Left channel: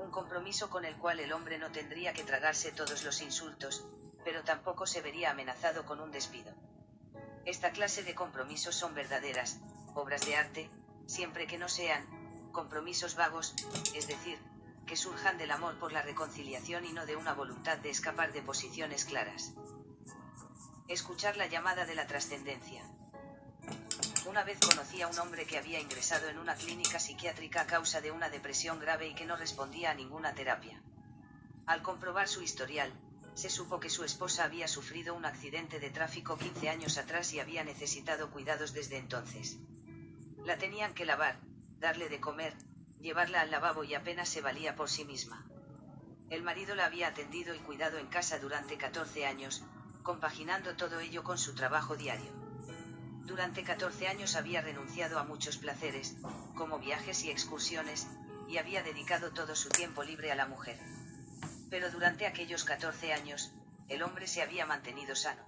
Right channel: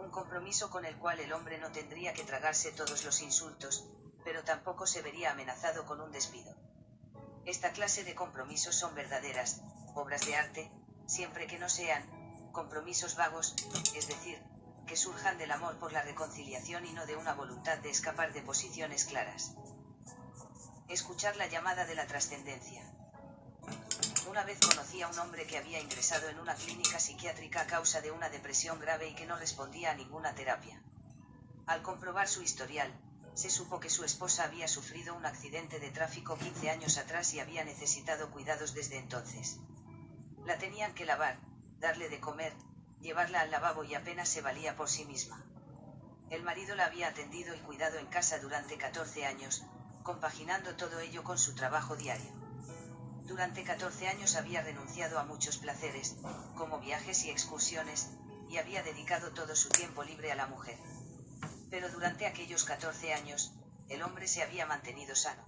Un compromiso con el cual el hombre no tendría que tragarse todos los insultos, pero tampoco se vería amenazado con un despido. Esta clase de compromisos son verdaderas obras de arte, siempre que no sean compromisos vagos, es decir, que surjan del amor por la reconciliación y no de una voluntad de escapar de posiciones claras. Escuchar la llamada de la trascendencia. Una vez conocí a un hombre que había ingresado en una clínica psiquiátrica a causa de una depresión grave y que no respondía a ninguna terapia. Al comprobar su historial, se supo que su esposa había sufrido un accidente de tráfico 15 años atrás y había necesitado cuidados desde entonces. La tenían que lavar, darle de comer, llevarla al lavabo y apenas se valía por sí misma. El marido la había atendido y cuidado en casa durante 14 años, compaginando todo ello con su trabajo diario. Durante 14 años había renunciado a muchos placeres, como viajes y excursiones, y había dedicado todo su tiempo libre a la mujer. Pero durante aquellos 14 años, el hombre se había mantenido sano.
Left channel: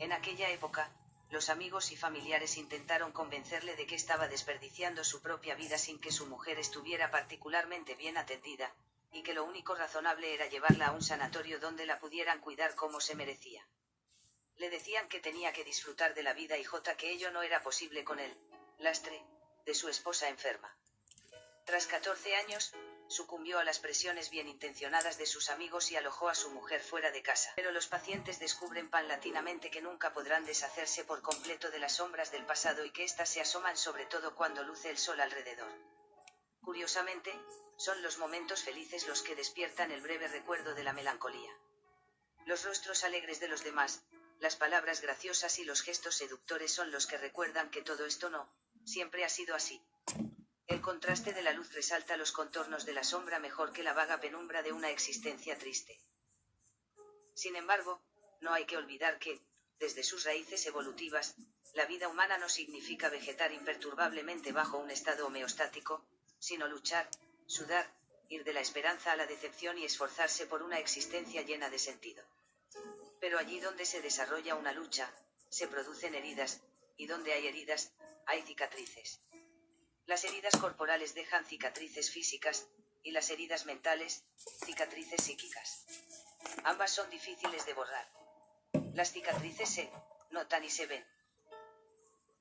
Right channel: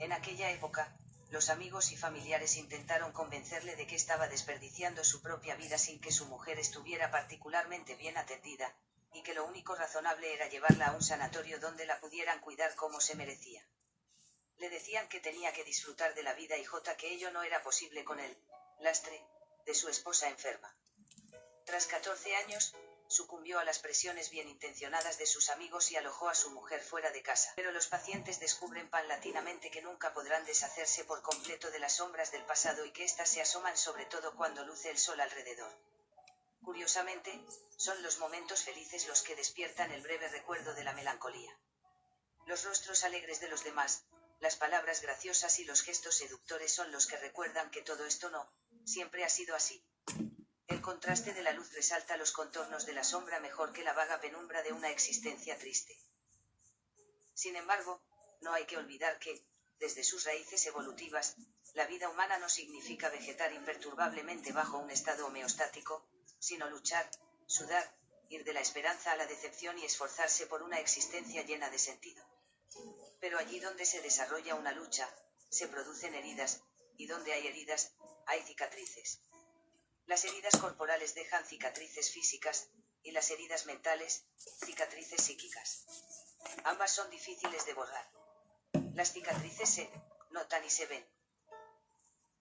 En aquella época, los amigos y familiares intentaron convencerle de que estaba desperdiciando su propia vida sin que su mujer estuviera particularmente bien atendida, y que lo único razonable era llevarla a un sanatorio donde la pudieran cuidar como se merecía. Le decían que tenía que disfrutar de la vida y que ello no era posible con el lastre de su esposa enferma. Tras 14 años, sucumbió a las presiones bien intencionadas de sus amigos y alojó a su mujer fuera de casa. Pero los pacientes descubren paulatinamente que nunca podrán deshacerse por completo de las sombras del pasado y que éstas se asoman sobre todo cuando luce el sol alrededor. Curiosamente, son los momentos felices los que despiertan el breve recuerdo de la melancolía. Los rostros alegres de los demás, las palabras graciosas y los gestos seductores son los que recuerdan que todo esto no siempre ha sido así. El contraste de la luz resalta los contornos de la sombra mejor que la vaga penumbra de una existencia triste. Sin embargo, no hay que olvidar que, desde sus raíces evolutivas, la vida humana no significa vegetar imperturbablemente bajo un estado homeostático, sino luchar, sudar, ir de la esperanza a la decepción y esforzarse por una existencia llena de sentido. Pero allí donde se desarrolla una lucha, se producen heridas, y donde hay heridas, hay cicatrices. Las heridas corporales dejan cicatrices físicas, y las heridas mentales, cicatrices psíquicas. Ambas son difíciles de borrar. Las cicatrices se notan y se ven.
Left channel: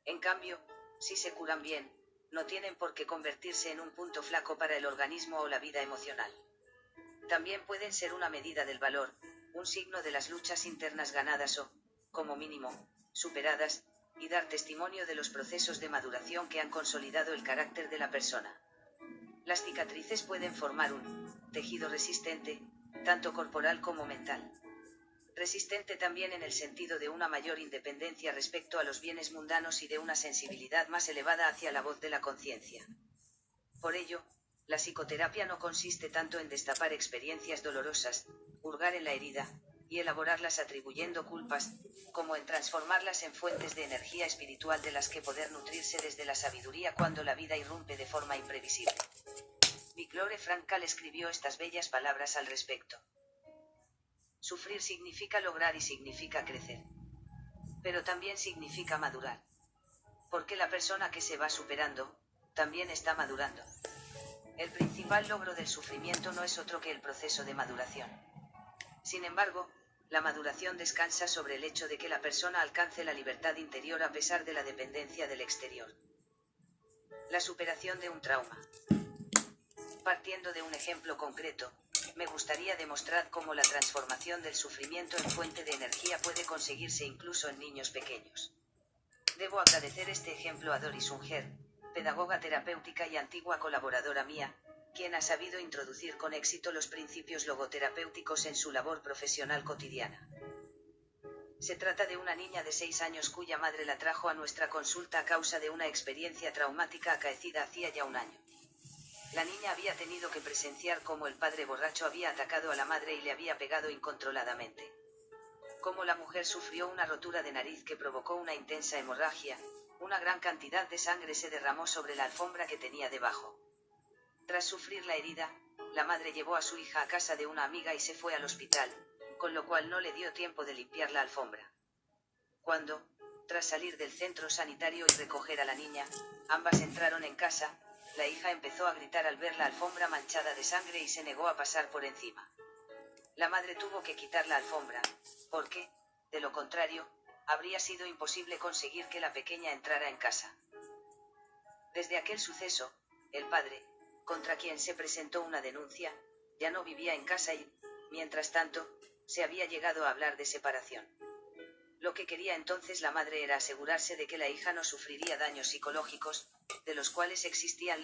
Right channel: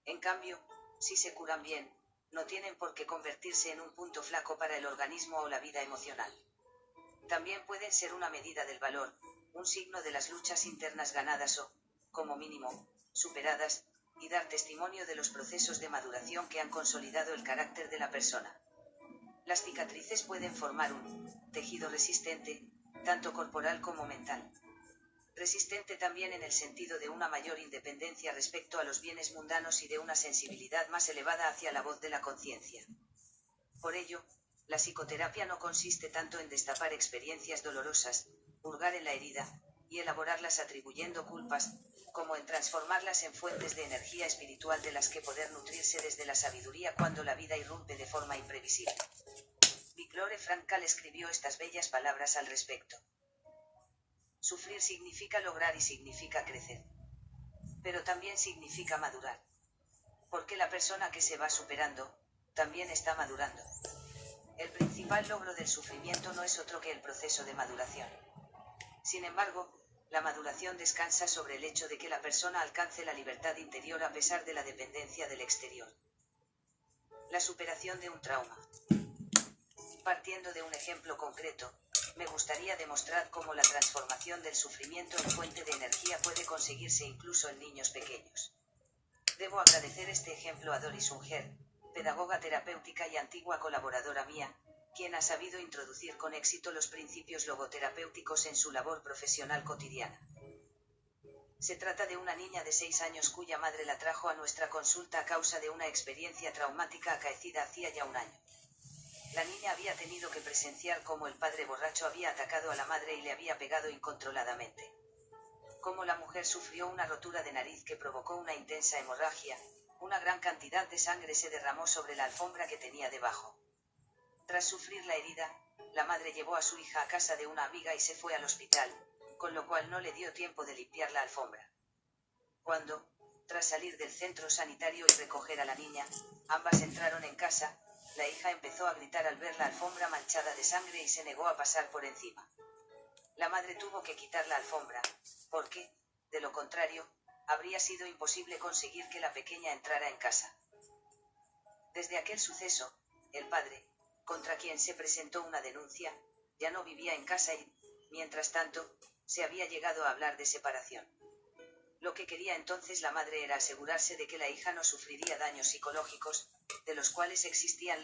En cambio, si se curan bien, no tienen por qué convertirse en un punto flaco para el organismo o la vida emocional. También pueden ser una medida del valor, un signo de las luchas internas ganadas o, como mínimo, superadas, y dar testimonio de los procesos de maduración que han consolidado el carácter de la persona. Las cicatrices pueden formar un tejido resistente, tanto corporal como mental. Resistente también en el sentido de una mayor independencia respecto a los bienes mundanos y de una sensibilidad más elevada hacia la voz de la conciencia. Por ello, la psicoterapia no consiste tanto en destapar experiencias dolorosas, hurgar en la herida, y elaborarlas atribuyendo culpas, como en transformarlas en fuentes de energía espiritual de las que poder nutrirse desde la sabiduría cuando la vida irrumpe de forma imprevisible. Victor Frankl escribió estas bellas palabras al respecto. Sufrir significa lograr y significa crecer. Pero también significa madurar. Porque la persona que se va superando, también está madurando. El principal logro del sufrimiento no es otro que el proceso de maduración. Sin embargo, la maduración descansa sobre el hecho de que la persona alcance la libertad interior a pesar de la dependencia del exterior. La superación de un trauma. Partiendo de un ejemplo concreto, me gustaría demostrar cómo la transformación del sufrimiento en fuente de energía puede conseguirse incluso en niños pequeños. Debo agradecer este ejemplo a Doris Unger, pedagoga terapéutica y antigua colaboradora mía, quien ha sabido introducir con éxito los principios logoterapéuticos en su labor profesional cotidiana. Se trata de una niña de 6 años cuya madre la trajo a nuestra consulta a causa de una experiencia traumática acaecida hacía ya un año. La niña había tenido que presenciar cómo el padre borracho había atacado a la madre y le había pegado incontroladamente. Cómo la mujer sufrió una rotura de nariz que provocó una intensa hemorragia, una gran cantidad de sangre se derramó sobre la alfombra que tenía debajo. Tras sufrir la herida, la madre llevó a su hija a casa de una amiga y se fue al hospital, con lo cual no le dio tiempo de limpiar la alfombra. Cuando, tras salir del centro sanitario y recoger a la niña, ambas entraron en casa, La hija empezó a gritar al ver la alfombra manchada de sangre y se negó a pasar por encima. La madre tuvo que quitar la alfombra, porque, de lo contrario, habría sido imposible conseguir que la pequeña entrara en casa. Desde aquel suceso, el padre, contra quien se presentó una denuncia, ya no vivía en casa y, mientras tanto, se había llegado a hablar de separación. Lo que quería entonces la madre era asegurarse de que la hija no sufriría daños psicológicos, de los cuales existían